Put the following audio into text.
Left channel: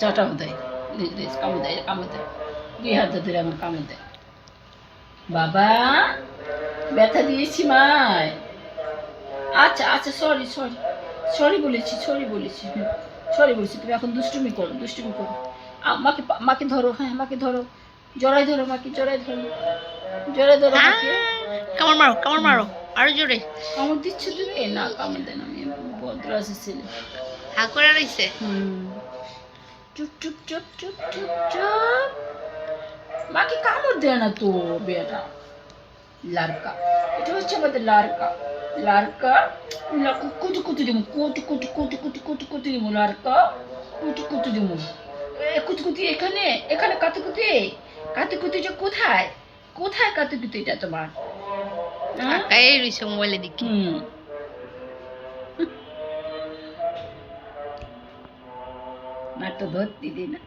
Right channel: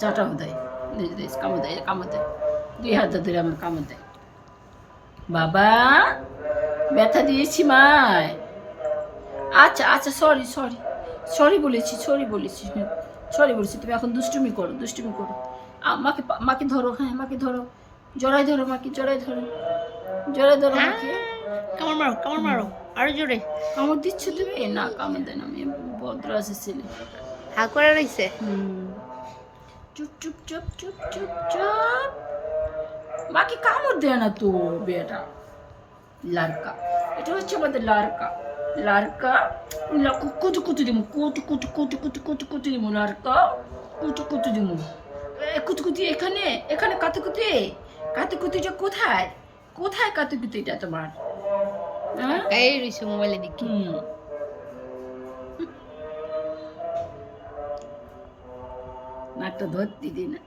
চাটাও দেয়, কামড় দেয়, কামড় দেয়, 2 হাত ধরে আমার কামড় দেয়। বাবা ব্যথা দিয়েছি মায়। আচ্ছা আচ্ছা, সরি সরি, সরি বলেছি, সরি বলেছি, সরি বলেছি। তুমি এখন দুষ্টুমি করো, দুষ্টুমি করো। মাকে মাকে ধরো, হ্যাঁ মাকে ধরো, জড়াই ধরো মাকে, জড়াই ধরো, জড়াই ধরো মাকে। কামড় মারো, কামড় মারো, আরো জোরে। কামড় দিচ্ছ তুমি? না কামড় দেন, আমি ভদ্র আছে ছেলে। হা করে রইছে। চুপ চুপ চুপ চুপ চুপ চুপ। মাকে কামড় দেয় না তো বেটা। লারকা, এটা হচ্ছে আমাদের লারকা। লারকা, কুটু কুটু দিমু, কুটু কুটু কুটু কুটু কুটু কুটু দিমু লারকা, কুটু কুটু দিমু। কুতুকুতি এখানে, এখানে কাতুকুতি। কাতুকুতিটা কোথায়? কোথায় কাতুকুতিটা তোমার? হ্যাঁ? তাকাই রইছে মোবাইলের দিকে। নাকটা ধরতে দিই না।